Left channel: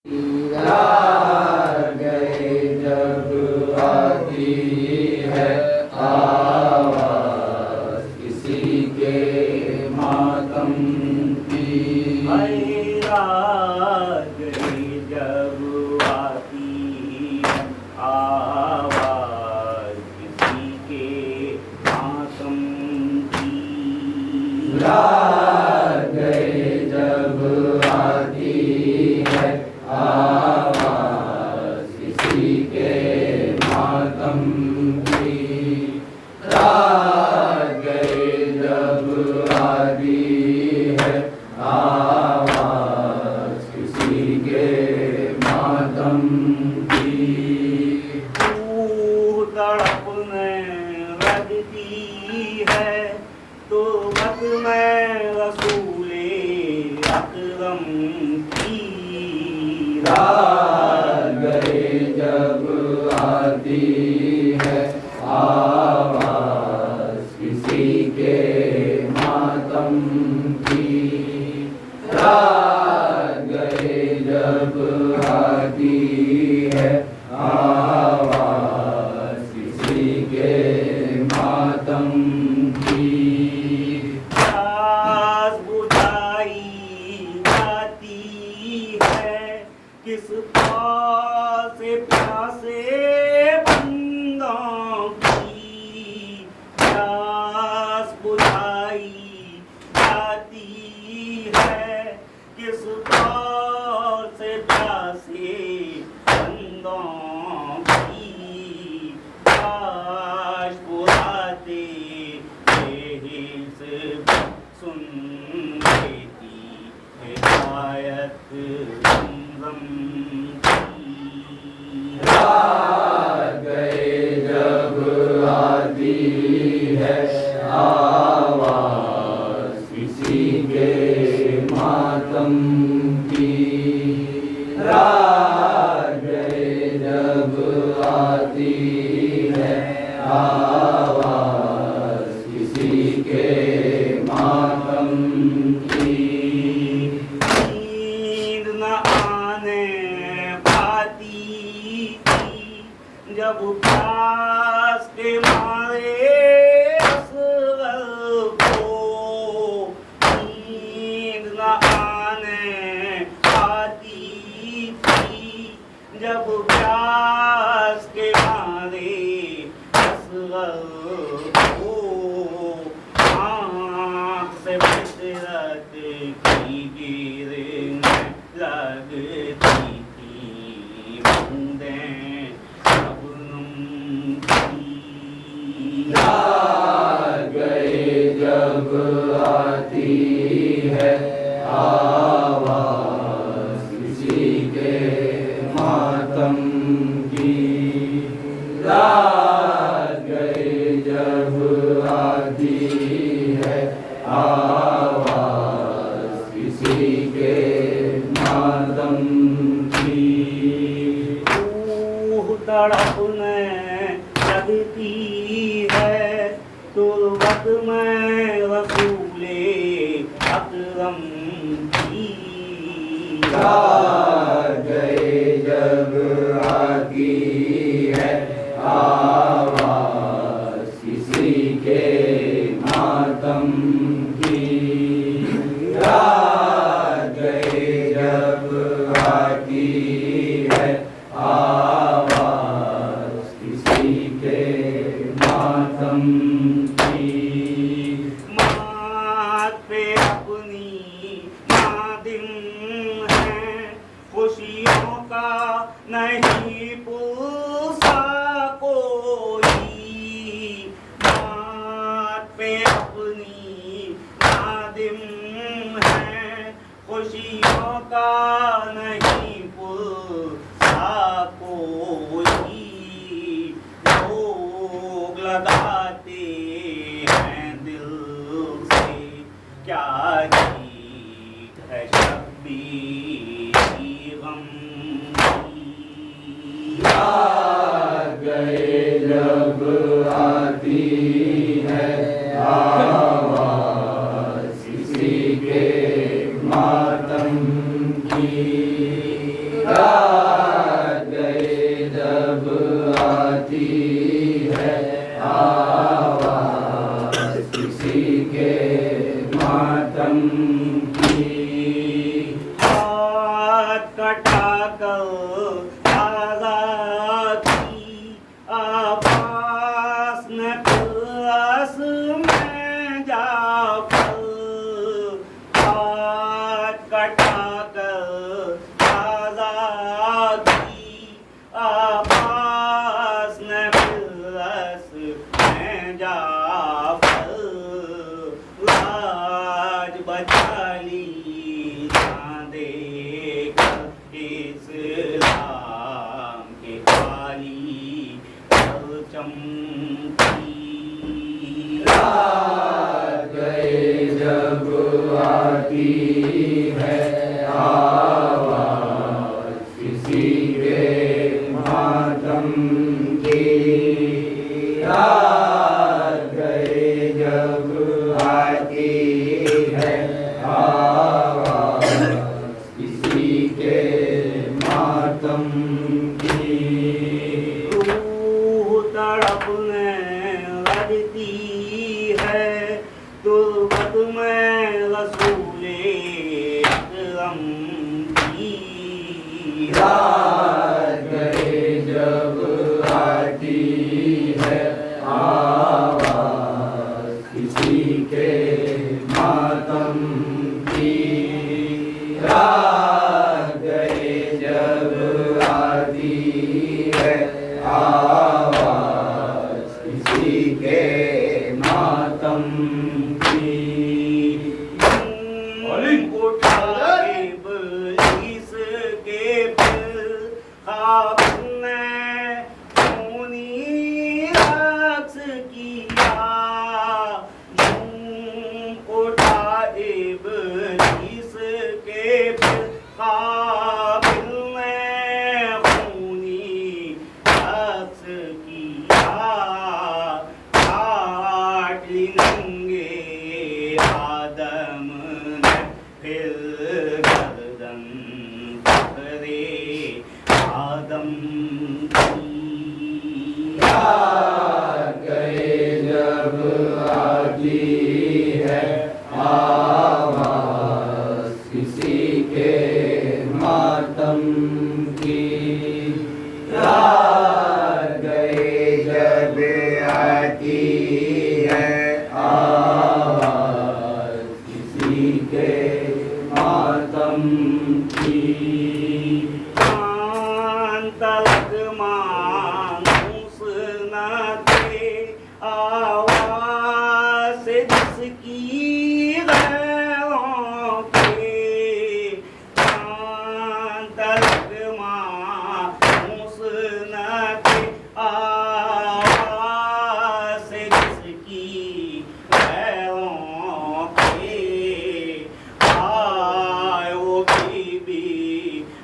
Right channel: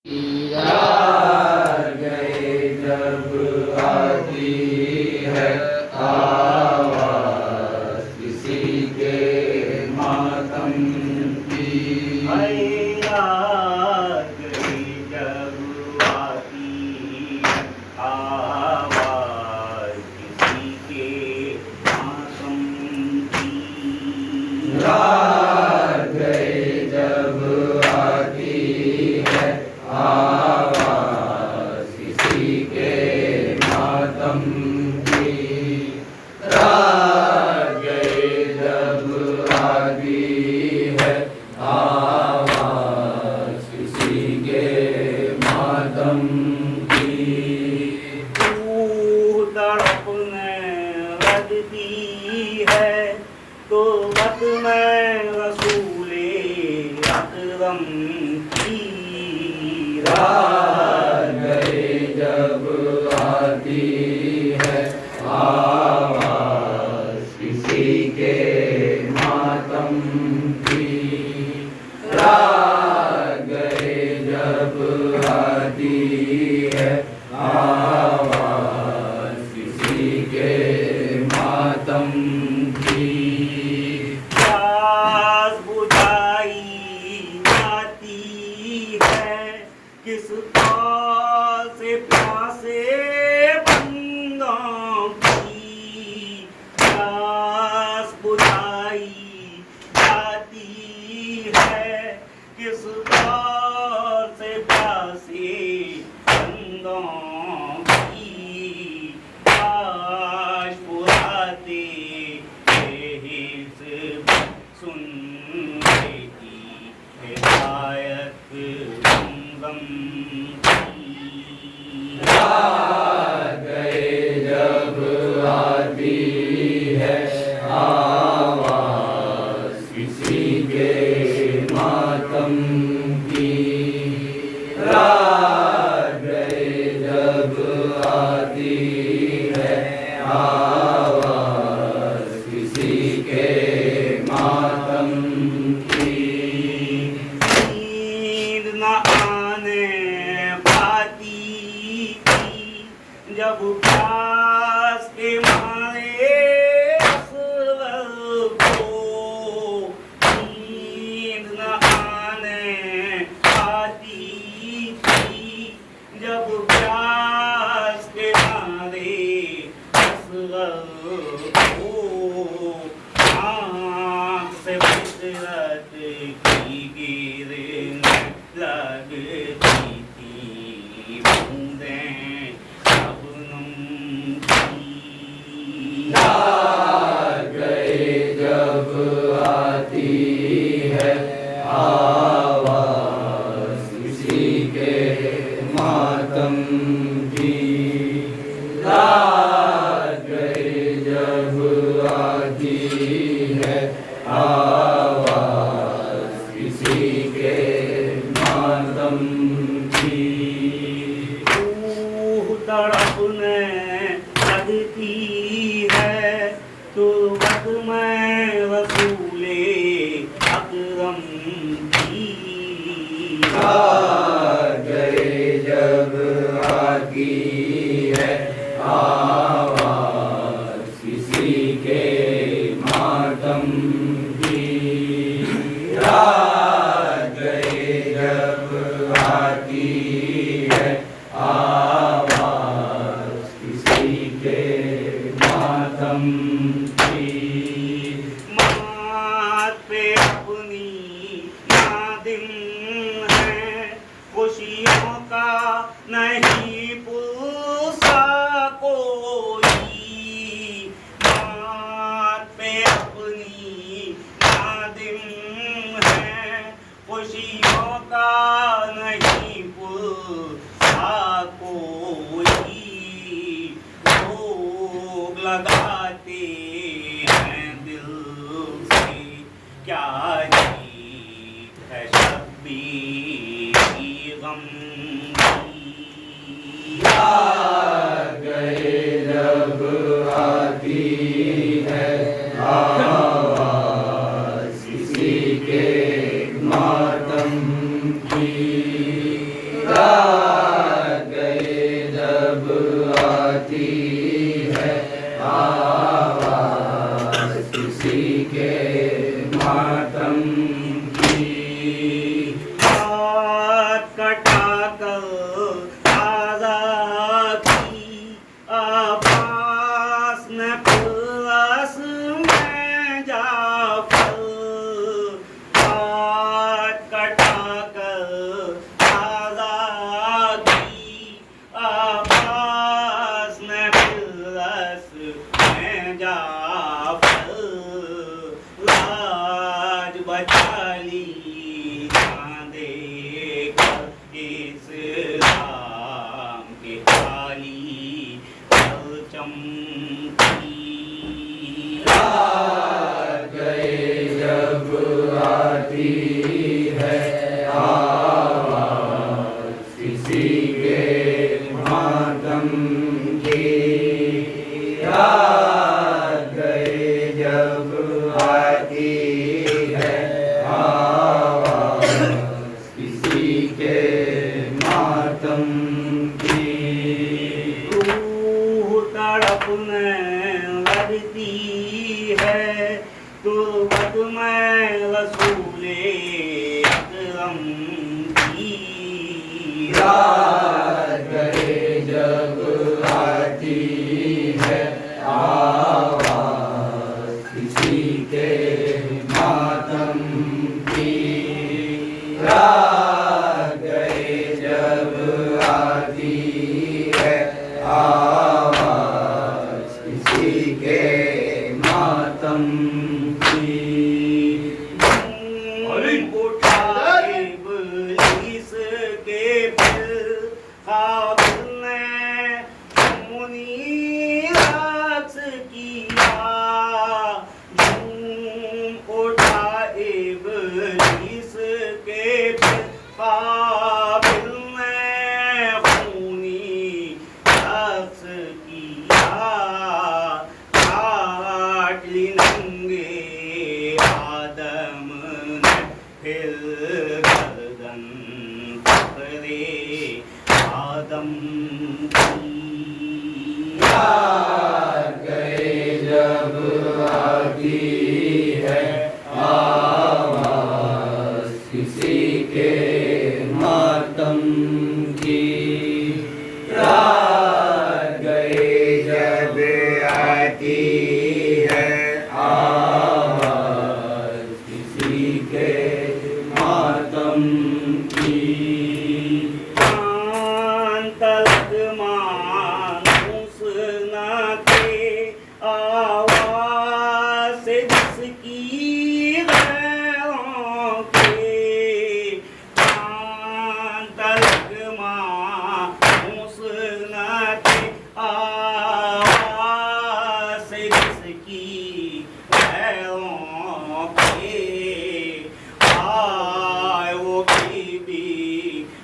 आ गए जब आती है आवाज़ किसी के मातम की। आ गई जब आती है आवाज़ किसी के मातम की। आ गए जब आती है आवाज़ किसी के मातम की। आ गए जब आती है आवाज़ किसी के मातम की। तड़पने लगती है तो बत में रसूले अकरम की। आ गए जब आती है आवाज़ किसी के मातम की। आ गए जब आती है आवाज़ किसी के मातम की। प्यास बुझाई जाती है किस पास से प्यासे बंदों की। प्यास बुझाई जाती है किस पास से प्यासे बंदों की। काश पुराते सुन की हिदायत गम की। आ गए जब आती है आवाज़ किसी के मातम की। आ गए जब आती है आवाज़ किसी के मातम की। नींद न आने पाती थी जब प्यास के मारे असगर को। नींद न आने पाती थी जब प्यास के मारे असगर को। आँख से फितरत की गिरने लगती थी बूंदें शबनम की। आ गए जब आती है आवाज़ किसी के मातम की। आ गए जब आती है आवाज़ किसी के मातम की। रूह तड़पने लगती है तुरबत में रसूले अकरम की। आ गए जब आती है आवाज़ किसी के मातम की। आ गए जब आती है आवाज़ किसी के मातम की। मात पे अपनी नादिम है खुशियों का नहीं पूछा कोई। मात पे अपनी नादिम है खुशियों का नहीं पूछा कोई। लोग लगाते हैं दिल से क्या जीत है शब्बीर की गम की। आ गए जब आती है आवाज़ किसी के मातम की। आ कटाकर आजादी आपास न प्लस में जाकर हाथ कटाकर आजादी आपास न प्लस में जाकर लाज बचा ली इस्लाम के खाली चमकी रात गए जब आती है आवाज़ किसी के मातम की रात गए जब आती है आवाज़ किसी के मातम की रूह तड़पने लगती है तुर्बत में रसूले अकरम की रात गए जब आती है आवाज़ किसी के मातम की रात गए जब आती है आवाज़ किसी के मातम की उठा इब्लीस के फिर ख्वाब में खूनी रक्स किया उठा इब्लीस के फिर ख्वाब में खूनी रक्स किया काट ली नंगे आदम ने फिर गर्दन पकड़े आदम की रात गए जब आती है आवाज़ किसी के मातम की रात गए जब आती है आवाज़ किसी के मातम की तलक मानूस न थे आवाज़ से जिसकी गैरों के तलक मानूस न थे आवाज़ से जिसकी गैरों के आए वो बीबी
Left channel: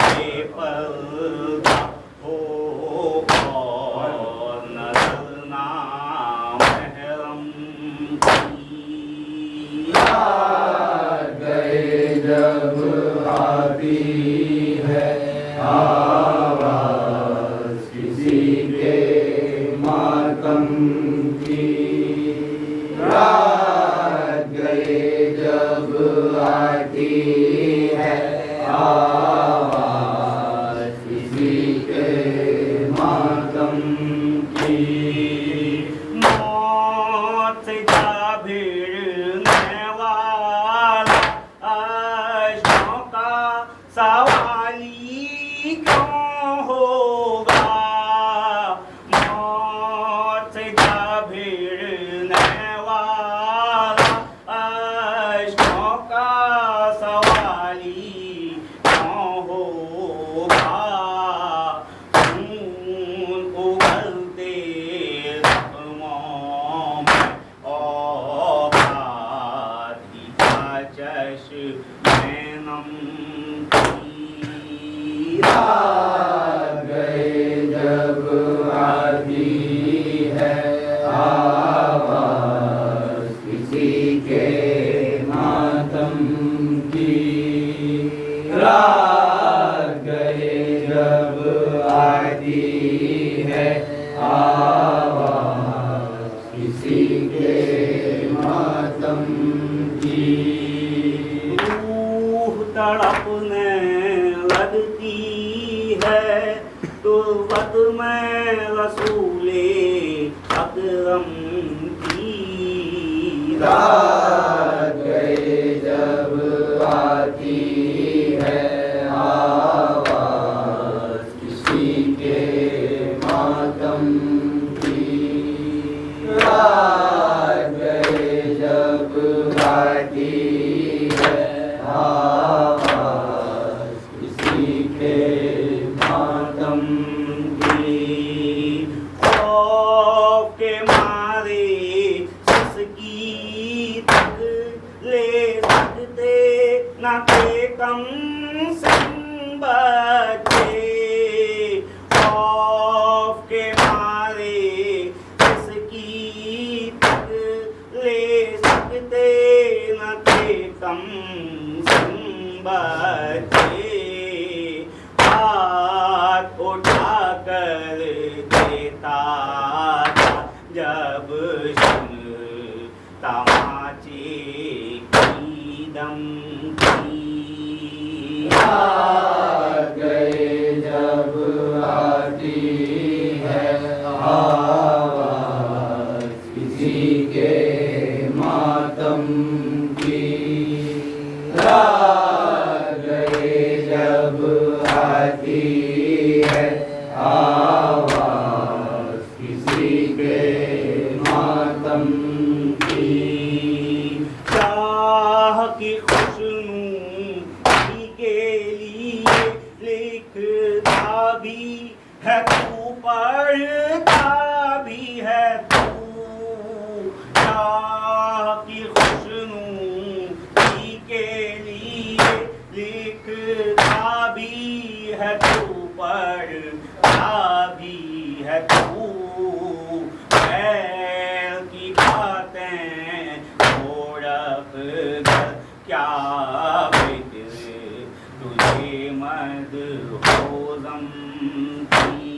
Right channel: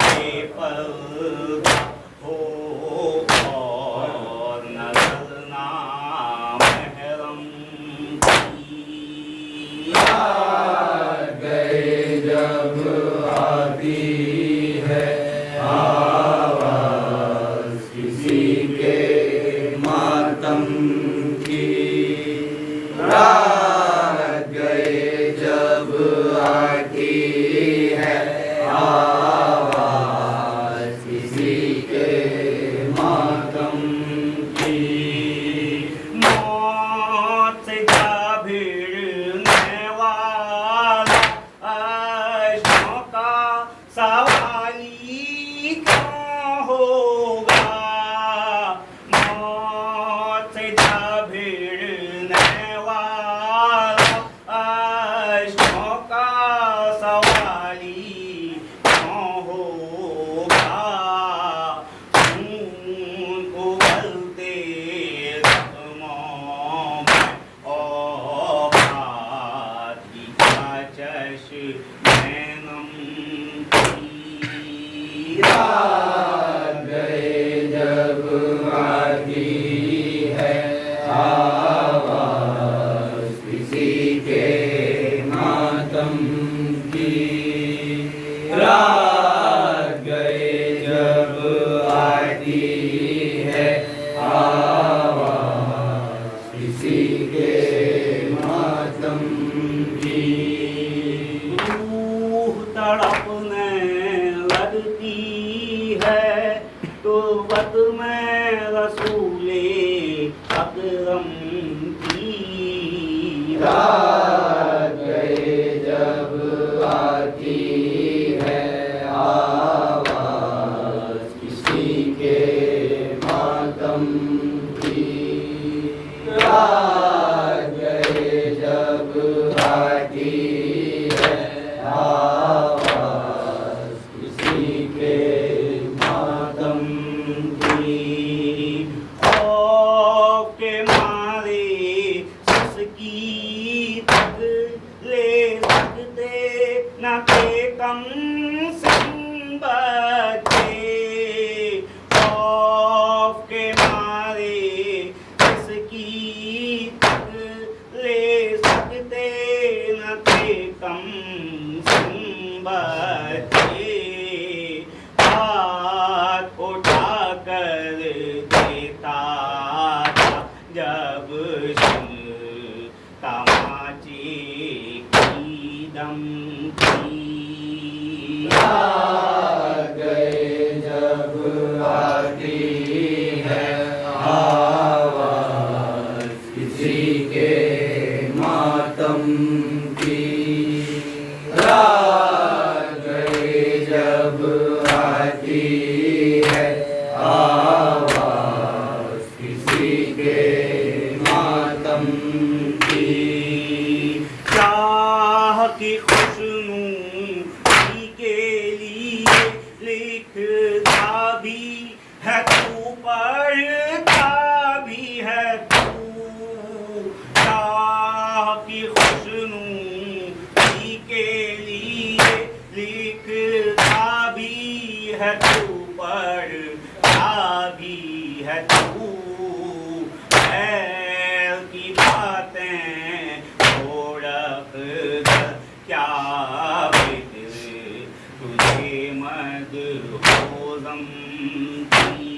बेपर्दा हो और नजर ना महरम की रात गए जब आती है आवाज़ किसी के मातम की रात गए जब आती है आवाज़ किसी के मातम की मौत से जा भिड़ने वाला आशों का सवाली क्यों होगा मौत से जा भिड़ने वाला आशों का सवाली क्यों होगा खून उगलते जख्मों में औकात की चश्मे नम की रात गए जब आती है आवाज़ किसी के मातम की रात गए जब आती है आवाज़ किसी के मातम की रूह तड़पने लगती की रात गए जब आती है आवाज किसी के मातम की। रात गए जब आती है आवाज किसी के मातम की। खौफ के मारे जिसकी तक ले सकते न थे कम सिम बच्चे। खौफ के मारे जिसकी तक ले सकते न थे कम सिम बच्चे। हाथ उठा कर देता था जब तमाचे की दम की। रात गए जब आती है आवाज किसी के मातम की। रात गए जब आती है आवाज किसी के मातम की। चाह की खुशनूदी के लिए लिखता भी है तू, पढ़ता भी है तू। चाह की खुशनूदी के लिए लिखता भी है तू, पढ़ता भी है तू। बैल की बातें छोड़क क्या बेदिल तुझे मद होज़म की।